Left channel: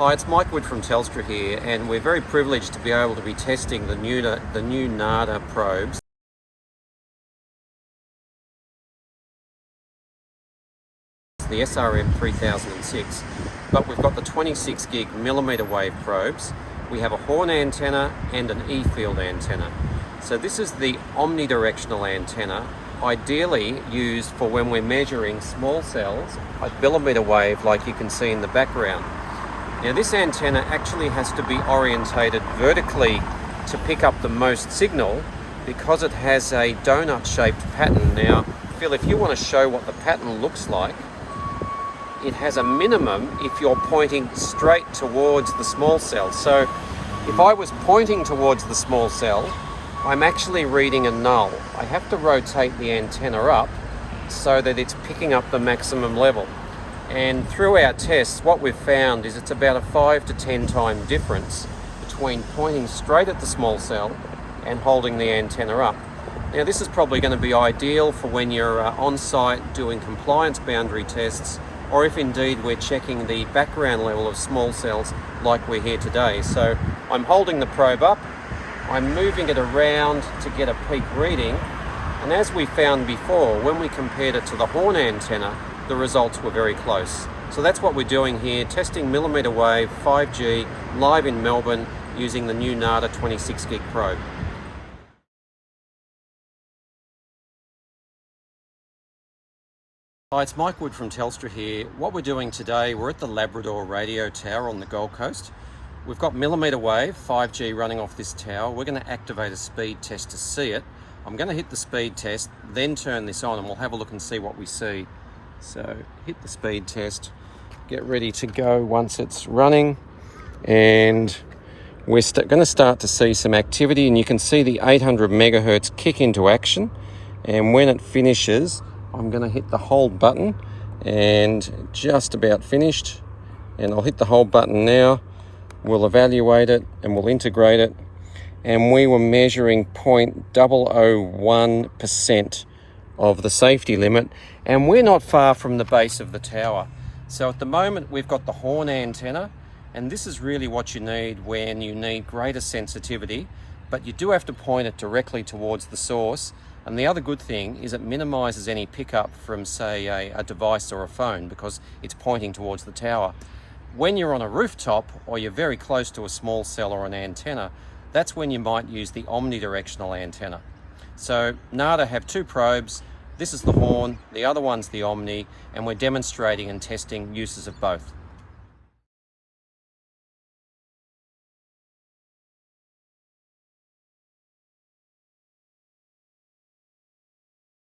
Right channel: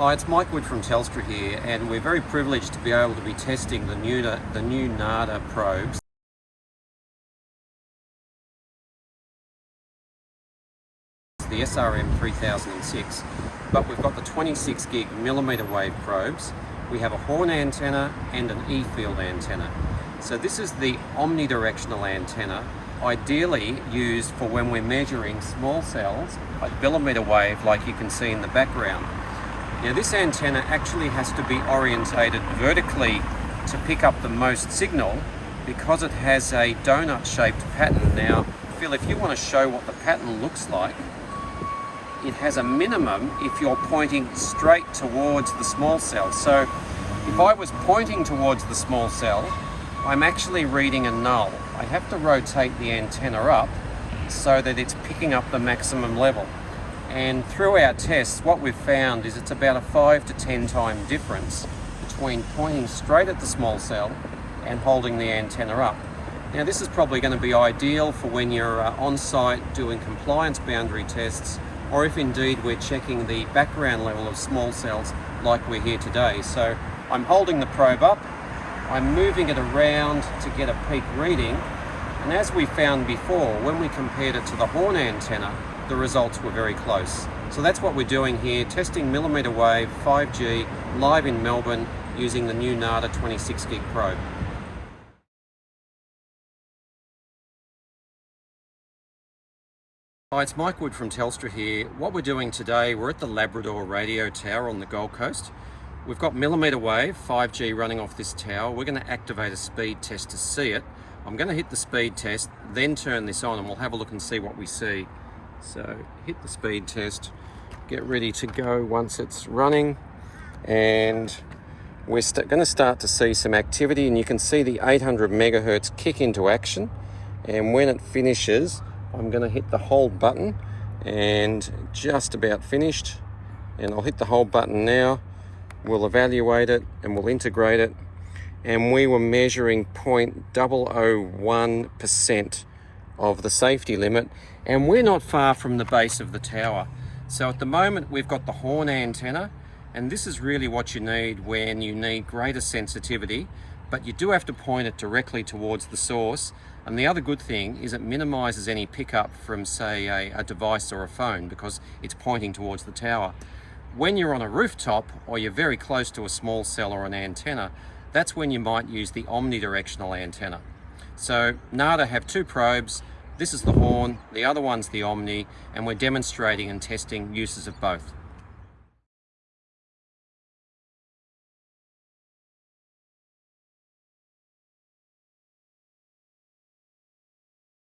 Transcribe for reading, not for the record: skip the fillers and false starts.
Hi, it's Mike Wood from Telstra here, and we're very privileged to be able to be testing the new Narda probes. The SRM 3006, but we've got the 26 gig millimetre wave probes. We have a horn antenna and an E-field antenna. So this is the omnidirectional antenna, ideally used for when we're measuring small cells, a millimetre wave like you can see in the background. Now this antenna actually has to be orientated vertically to pick up the most signal because it has a donut shaped pattern. Now Phil, if you want to show what the pattern looks like, it has a minimum if you're pointing straight towards the small cell. So if I was pointing towards the small cell, I'm actually reading a null. I have to rotate the antenna up so that it's picking up the maximum level. And through our tests, what we've found is it's about a 5 to 10 time difference between pointing straight at the small cell and holding the antenna up. Now this is probably going to be ideal for when you're on site doing compliance boundary tests, or if indeed we're checking the background level of small cells like we're here today. So I'm holding the probe up, I'm moving it around to get a peak reading, and as we found before, when we compared it to the horn antenna, the results were very close. So that's what we're doing here, testing millimetre wave 5G live in Melbourne using the new Narda 26 gig probe. Hi, it's Mike Wood from Telstra here. What we're doing today, we're at the Labrador radio tower on the Gold Coast. We've got millimetre wave 5G running off this tower. We're going to activate a speed test to see it. I'm going to hit the speed test, then turn this on, and we'll have a look and see what we see. So hit the speed test, get ready to go once it's running, and we're going to start to see some activity, and you can see the 800 megahertz kick into action. And when it finishes, I'm going to hit the hold button, and just about finished, and I'll hit the hold button now. We'll evaluate it and we'll integrate it, and we were measuring 0.001% of the safety limit, and we're not far from the base of the tower. So at the moment we've got the horn antenna, and this is really what you need when you need greater sensitivity, but you do have to point it directly towards the source. And the other good thing is it minimises any pickup from, say, a device or a phone because it's pointing towards the tower. When you're on a rooftop or you're very close to a small cell or an antenna, that's when you might use the omnidirectional antenna. So Narda have two probes. This is the horn, the other one's the omni, and we're demonstrating and testing uses of both.